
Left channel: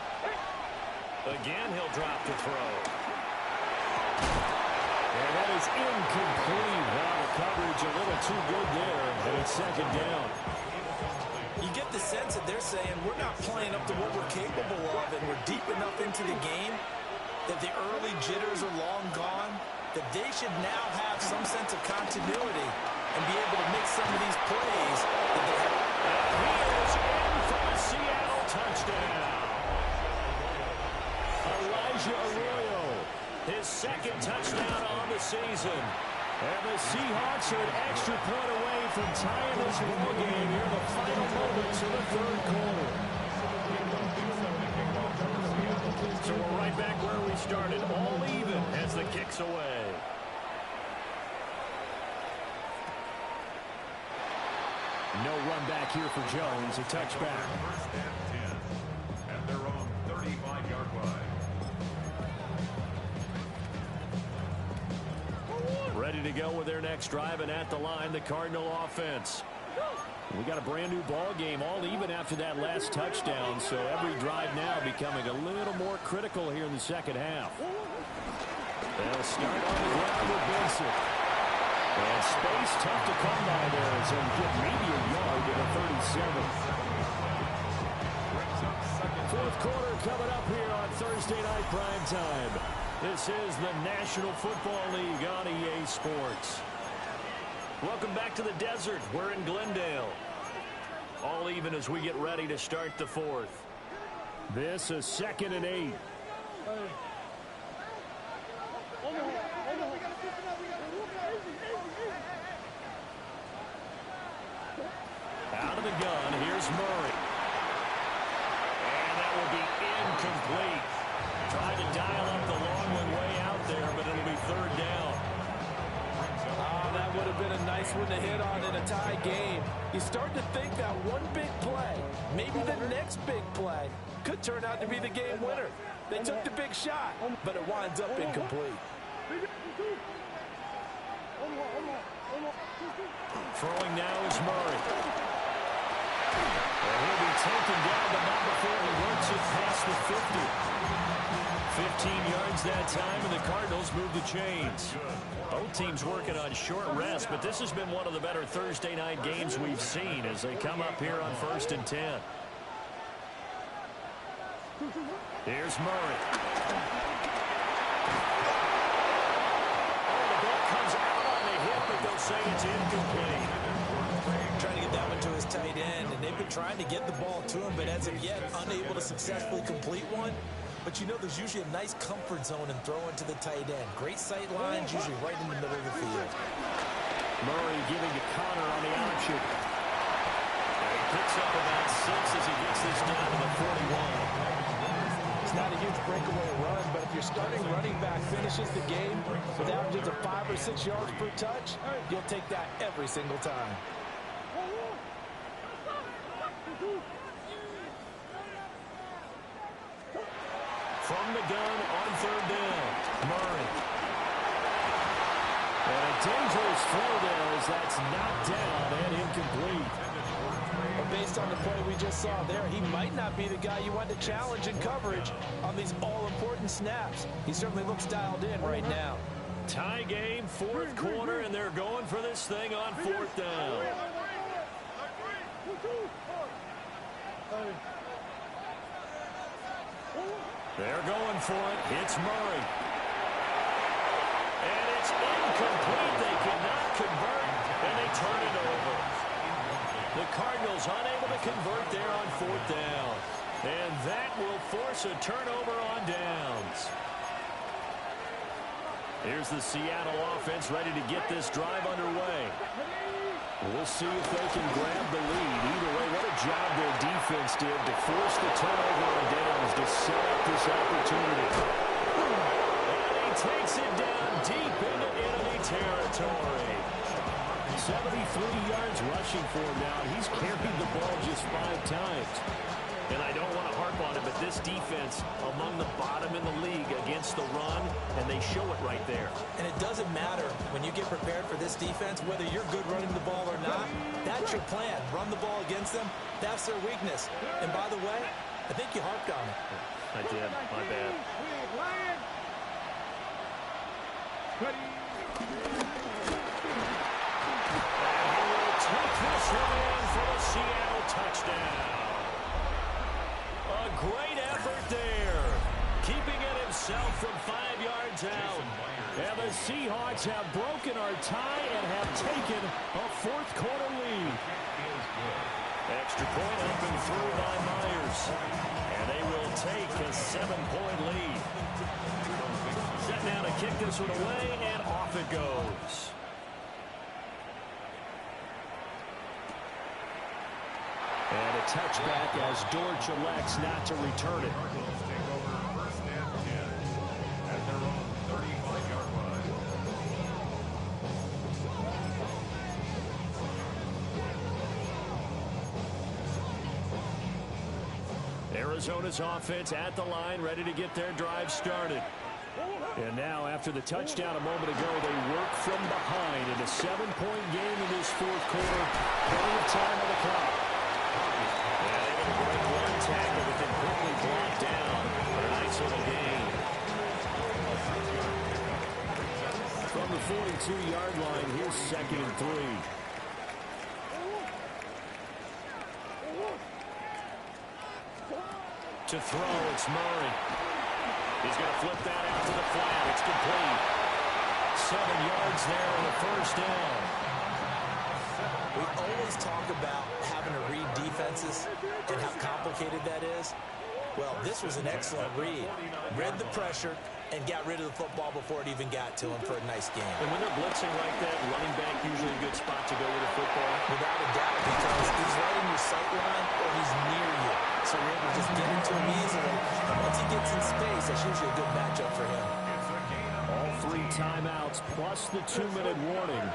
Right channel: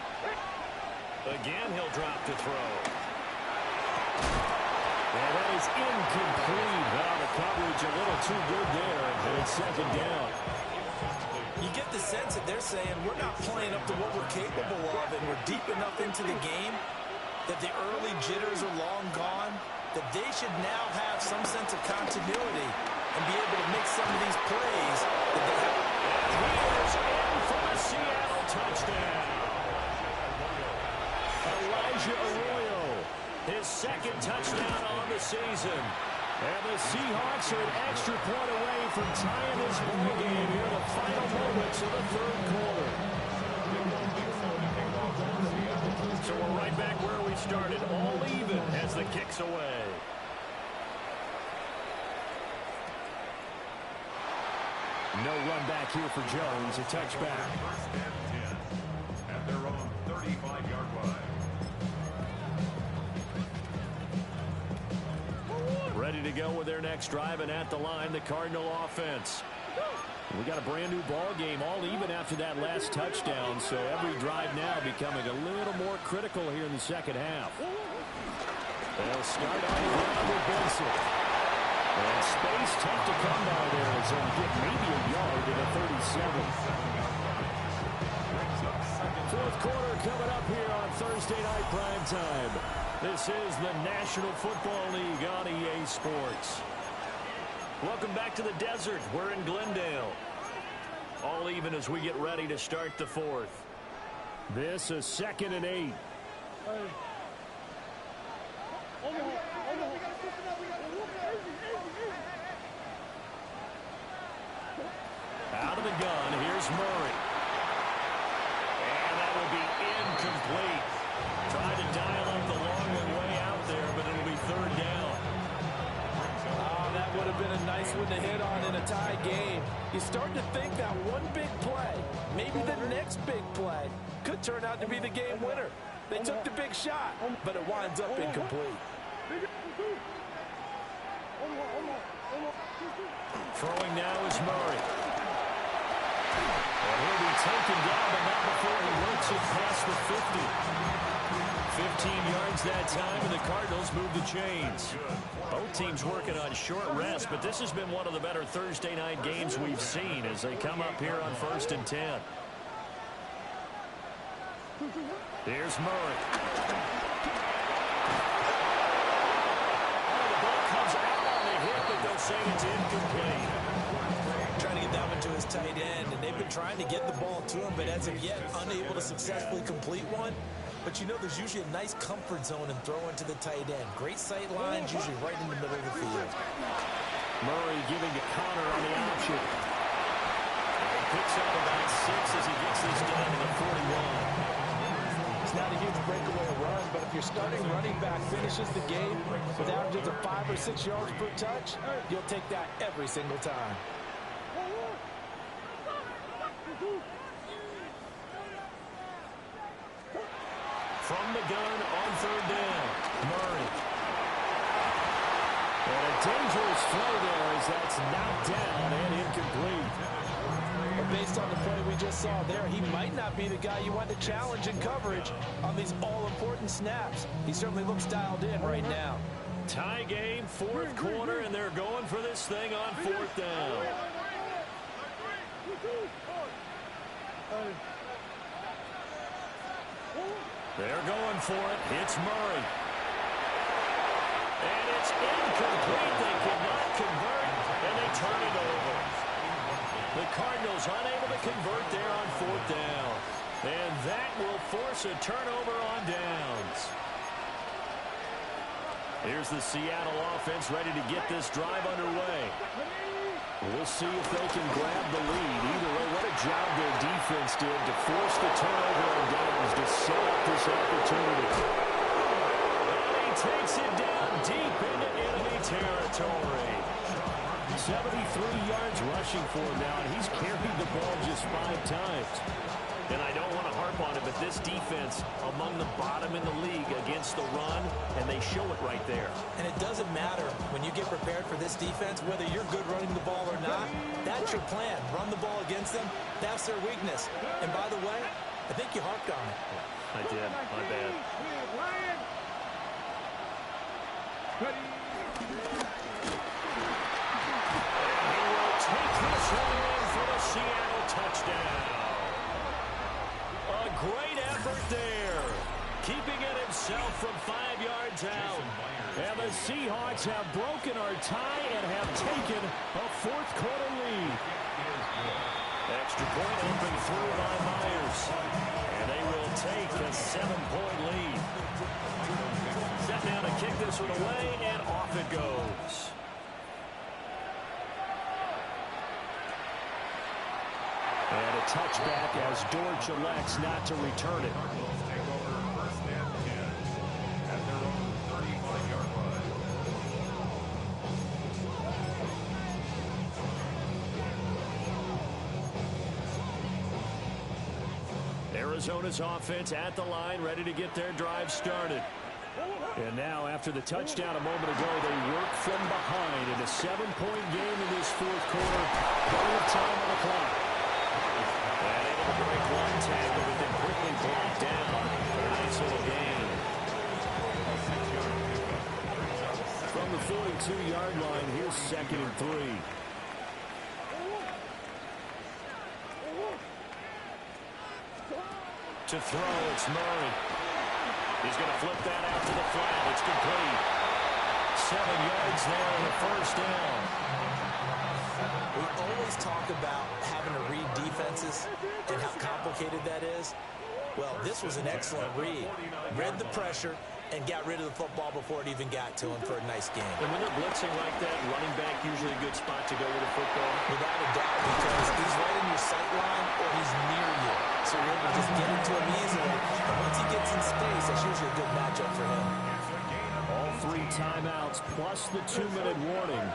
Again, he'll drop to throw. And that is incomplete. Well, the coverage a little too good there, and it's second down. You get the sense that they're saying we're not playing up to what we're capable of, and we're deep enough into the game that the early jitters are long gone, that they should now have some sense of continuity and be able to make some of these plays that they have. And he is in for the Seattle touchdown. Elijah Arroyo, his second touchdown on the season. And the Seahawks are an extra point away from tying this ball game here in the final moments of the third quarter. So we're right back where we started, all even as the kick's away. No run back here for Jones, a touchback. First and 10 at their own 35-yard line. Ready to go with their next drive, and at the line, the Cardinal offense. We got a brand new ball game, all even after that last touchdown, so every drive now becoming a little more critical here in the second half. They'll start on the ground with Benson. And space tough to come by there as they'll get maybe a yard to the 37. Fourth quarter coming up here on Thursday night prime time. This is the National Football League on EA Sports. Welcome back to the desert. We're in Glendale. All even as we get ready to start the fourth. This is 2nd and 8. Out of the gun, here's Murray. And that will be incomplete. Tried to dial up the long way out there, but it'll be third down. Oh, that would have been a nice one to hit on in a tie game. You start to think that one big play, maybe the next big play, could turn out to be the game winner. They took the big shot, but it winds up incomplete. Throwing now is Murray. And he'll be taken down, but not before he works it past the 50. 15 yards that time, and the Cardinals move the chains. Both teams working on short rest, but this has been one of the better Thursday night games we've seen as they come up here on 1st and 10. Here's Murray. Oh, the ball comes out on the hit, but they'll say it's incomplete. Trying to get that one to his tight end, and they've been trying to get the ball to him, but as of yet, unable to successfully complete one. But you know there's usually a nice comfort zone in throwing to the tight end. Great sight lines, usually right in the middle of the field. Murray giving to Connor on the option. And he picks up about 6 as he gets this down to the 41. It's not a huge breakaway run, but if your starting running back finishes the game with averages of 5 or 6 yards per touch, you'll take that every single time. From the gun on third down, Murray. And a dangerous throw there as that's knocked down and incomplete. But based on the play we just saw there, he might not be the guy you want to challenge in coverage on these all-important snaps. He certainly looks dialed in right now. Tie game, fourth quarter, and they're going for this thing on fourth down. They're going for it. It's Murray. And it's incomplete. They cannot convert, and they turn it over. The Cardinals unable to convert there on 4th down. And that will force a turnover on downs. Here's the Seattle offense ready to get this drive underway. We'll see if they can grab the lead. Either way, what a job their defense did to force the turnover on downs to set up this opportunity. And he takes it down deep into enemy territory. 73 yards rushing for him now, and he's carried the ball just 5 times. And I don't want to harp on it, but this defense among the bottom in the league against the run, and they show it right there. And it doesn't matter when you get prepared for this defense, whether you're good running the ball or not, that's your plan. Run the ball against them, that's their weakness. And by the way, I think you harped on it. I did, my bad. And he will take this one in for the Seattle touchdown. A great effort there, keeping it himself from 5 yards out. And the Seahawks have broken our tie and have taken a 4th quarter lead. Extra point up and through by Myers. And they will take a 7-point lead. Set now to kick this one away, and off it goes. And a touchback as Dortch elects not to return it. Cardinals take over 1st and 10 at their own 35-yard line. Arizona's offense at the line, ready to get their drive started. And now, after the touchdown a moment ago, they work from behind in a 7-point game in this 4th quarter. Plenty of time on the clock. And able to break one tackle, but then quickly brought down for a nice little gain. From the 42-yard line, here's 2nd and 3. To throw, it's Murray. He's going to flip that out to the flat. It's complete. 7 yards there and a 1st down. We always talk about having to read defenses and how complicated that is. Well, this was an excellent read. Read the pressure and got rid of the football before it even got to him for a nice game. And when they're blitzing like that, running back usually a good spot to go with the football. Without a doubt, because he's right in your sight line or he's near you. So you're able to just get into him easily. And once he gets in space, that's usually a good matchup for him. All 3 timeouts plus the 2-minute warning.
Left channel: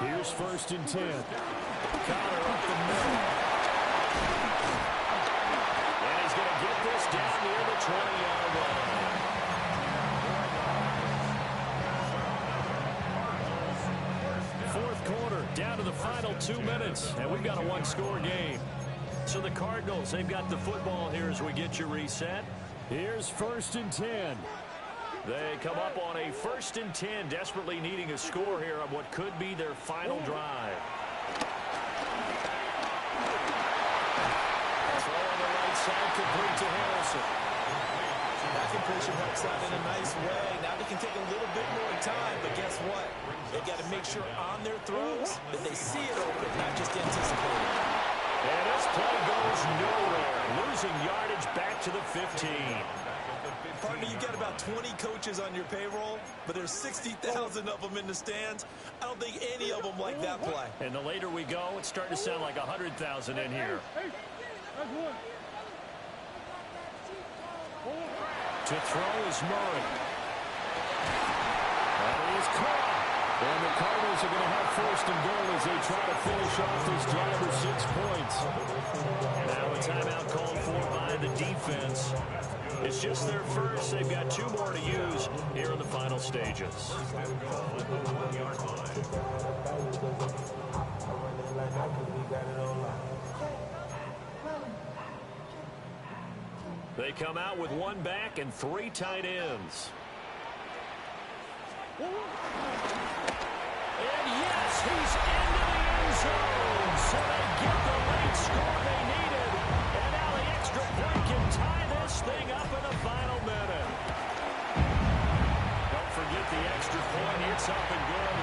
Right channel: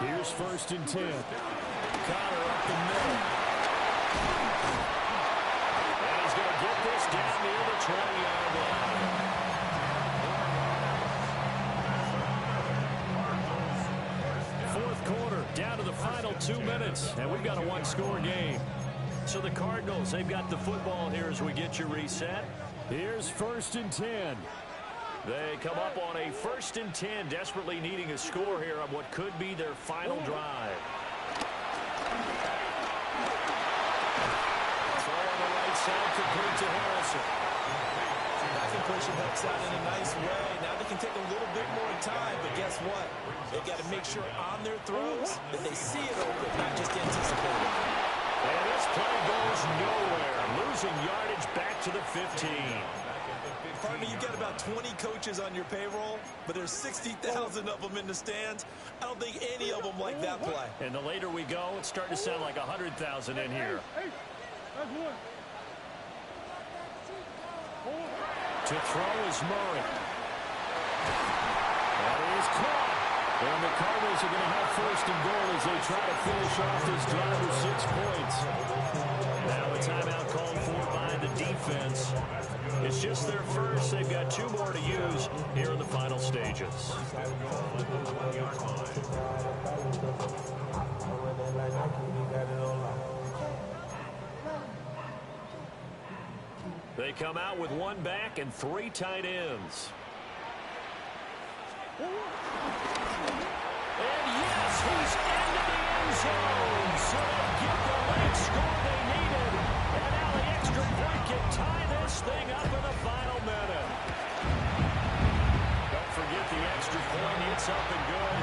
Here's 1st and 10. Connor up the middle. And he's going to get this down near the 20-yard line. 4th quarter, down to the final 2 minutes, and we've got a 1-score game. So the Cardinals, they've got the football here as we get you reset. Here's 1st and 10. They come up on a 1st and 10, desperately needing a score here on what could be their final drive. Throw on the right side, complete to Harrison. That completion helps out in a nice way. Now they can take a little bit more time, but guess what? They've got to make sure on their throws that they see it open, not just anticipate it. And this play goes nowhere, losing yardage back to the 15. Partner, you've got about 20 coaches on your payroll, but there's 60,000 of them in the stands. I don't think any of them like that play. And the later we go, it's starting to sound like 100,000 in here. To throw is Murray. That is caught. And the Cardinals are going to have 1st and goal as they try to finish off this drive with 6 points. Now a timeout called for by the defense. It's just their first. They've got 2 more to use here in the final stages. They come out with 1 back and 3 tight ends. And yes, he's into the end zone. So they get the late score they needed. And now the extra point can tie this thing up in the final minute. the extra point. It's up and good.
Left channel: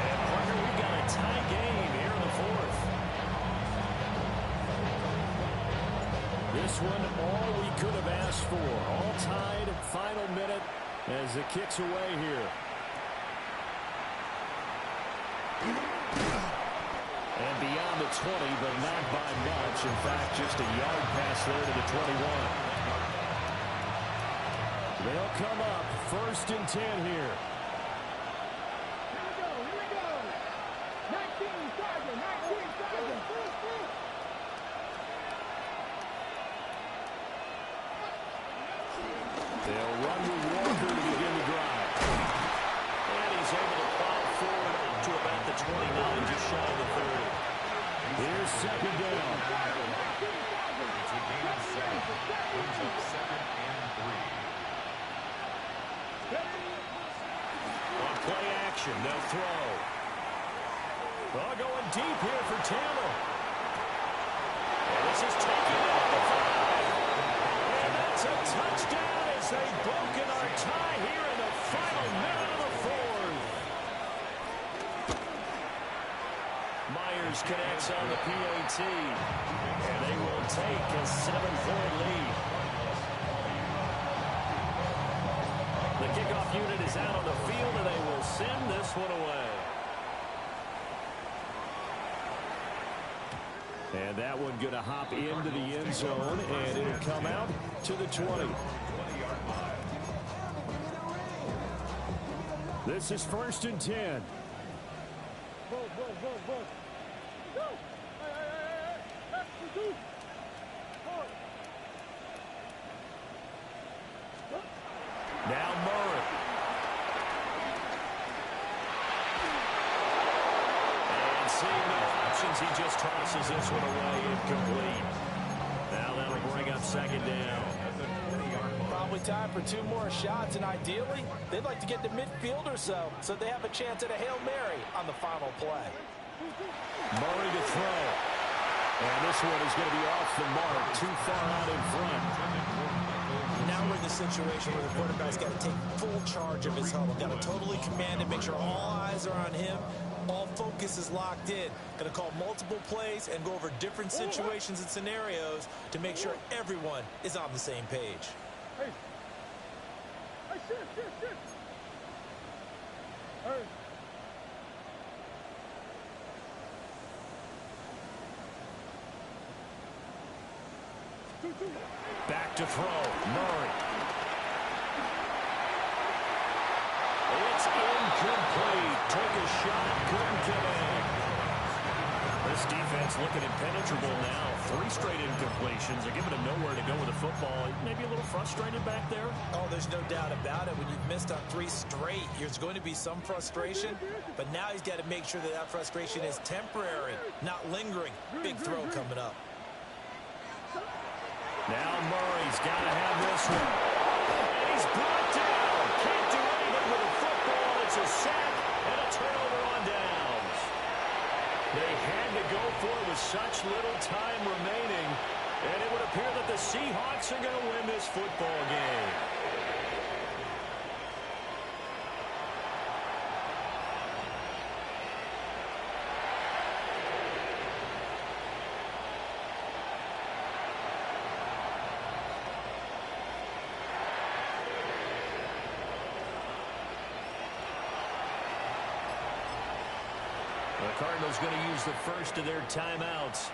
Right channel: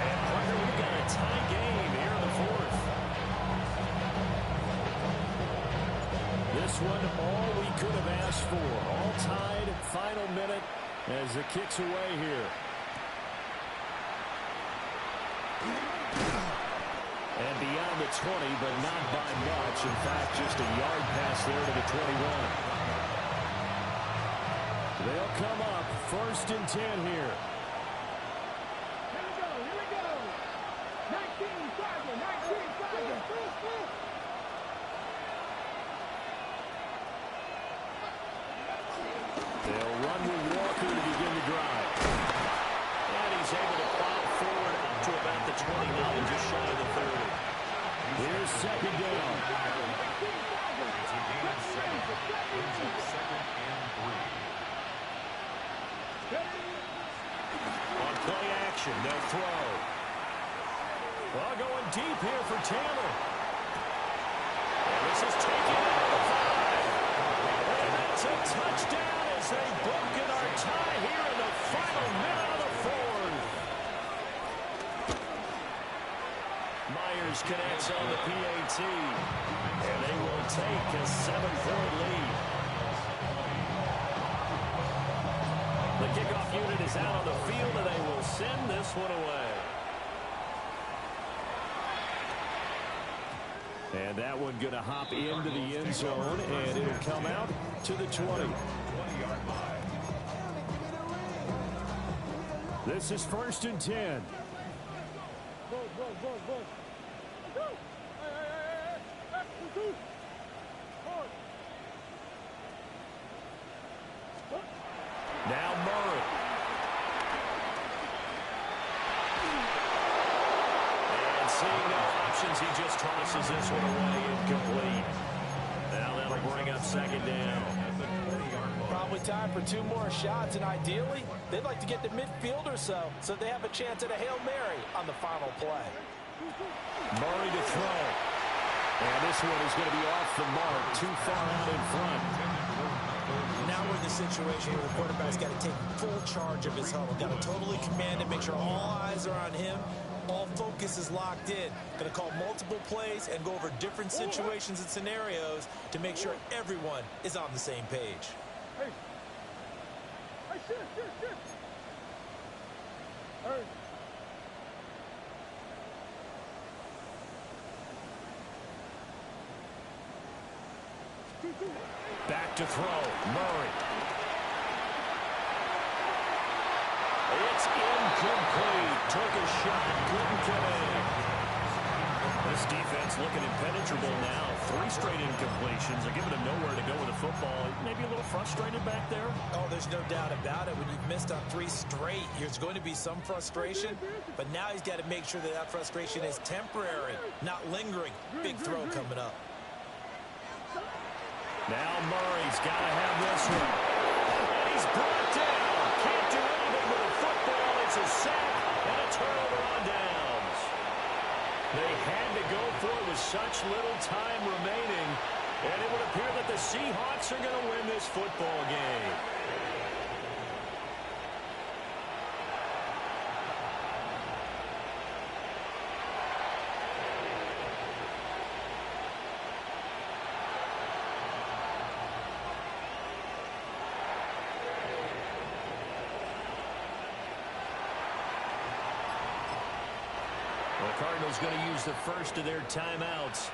And, partner, we've got a tie game here in the fourth. This one, all we could have asked for. All tied, final minute as the kick's away here. And beyond the 20, but not by much. In fact, just a yard pass there to the 21. They'll come up 1st and 10 here. Here we go. 19 Charger. They'll run with Walker to begin the drive. And he's able to plow forward up to about the 29, just shy of the 30. Here's 2nd down. It's a gain of 7. Brings up 2nd and 3. On play action, they'll throw. Oh, going deep here for Taylor. And this is taken into the 5. And that's a touchdown as they've broken our tie here in the final minute of the 4th. Myers connects on the PAT. And they will take a 7-point lead. The kickoff unit is out on the field, and they will send this one away. And that one going to hop into the end zone, and it'll come out to the 20. This is 1st and 10. Now Murray. And seeing no options, he just tosses this one away incomplete. Now that'll bring up 2nd down. Probably time for 2 more shots, and ideally, they'd like to get to midfield or so they have a chance at a Hail Mary on the final play. Murray to throw. And this one is going to be off the mark, too far out in front. Now we're in the situation where the quarterback's got to take full charge of his huddle. Got to totally command it, make sure all eyes are on him. All focus is locked in. Going to call multiple plays and go over different situations and scenarios to make sure everyone is on the same page. Hey, shit. Hey. Back to throw. Murray. It's incomplete. Took a shot, couldn't connect. This defense looking impenetrable now. 3 straight incompletions. They're giving him nowhere to go with the football. Maybe a little frustrated back there. Oh, there's no doubt about it. When you've missed on 3 straight, there's going to be some frustration. But now he's got to make sure that frustration is temporary, not lingering. Big throw coming up. Now Murray's got to have this one. And he's brought down. Can't do anything with the football. It's a sack and a turnover on downs. They had to go for it with such little time remaining. And it would appear that the Seahawks are going to win this football game. The Cardinals going to use the first of their timeouts.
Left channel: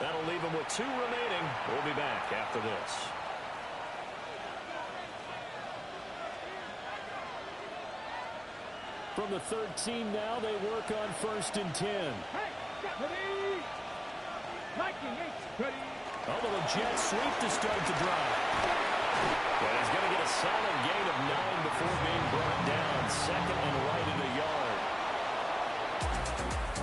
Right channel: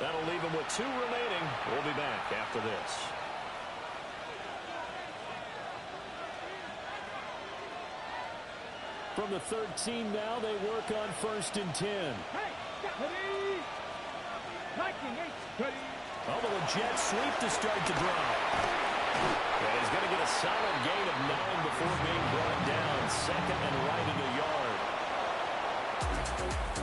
That'll leave them with 2 remaining. We'll be back after this. From the 13 now, they work on 1st and 10. Hey, ready. 19-8, ready. Oh, but the Jets sweep to start the drive. And he's going to get a solid gain of 9 before being brought down. 2nd and right at a yard.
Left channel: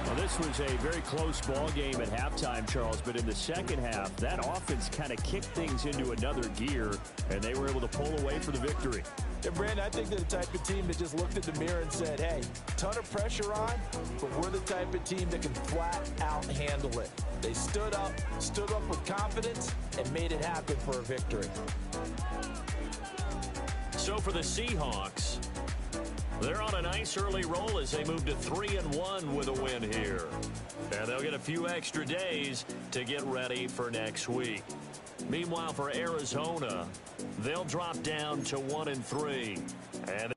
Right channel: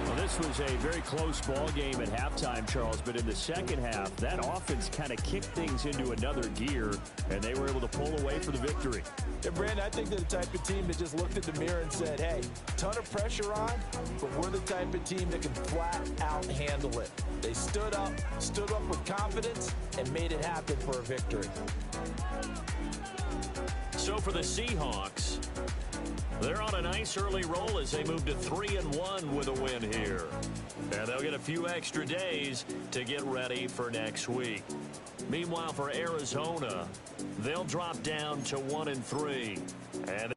Well, this was a very close ball game at halftime, Charles, but in the second half, that offense kind of kicked things into another gear, and they were able to pull away for the victory. And Brandon, I think they're the type of team that just looked at the mirror and said, hey, ton of pressure on, but we're the type of team that can flat out handle it. They stood up with confidence, and made it happen for a victory. So for the Seahawks, They're on a nice early roll as they move to 3-1 with a win here. And they'll get a few extra days to get ready for next week. Meanwhile, for Arizona, they'll drop down to 1-3. And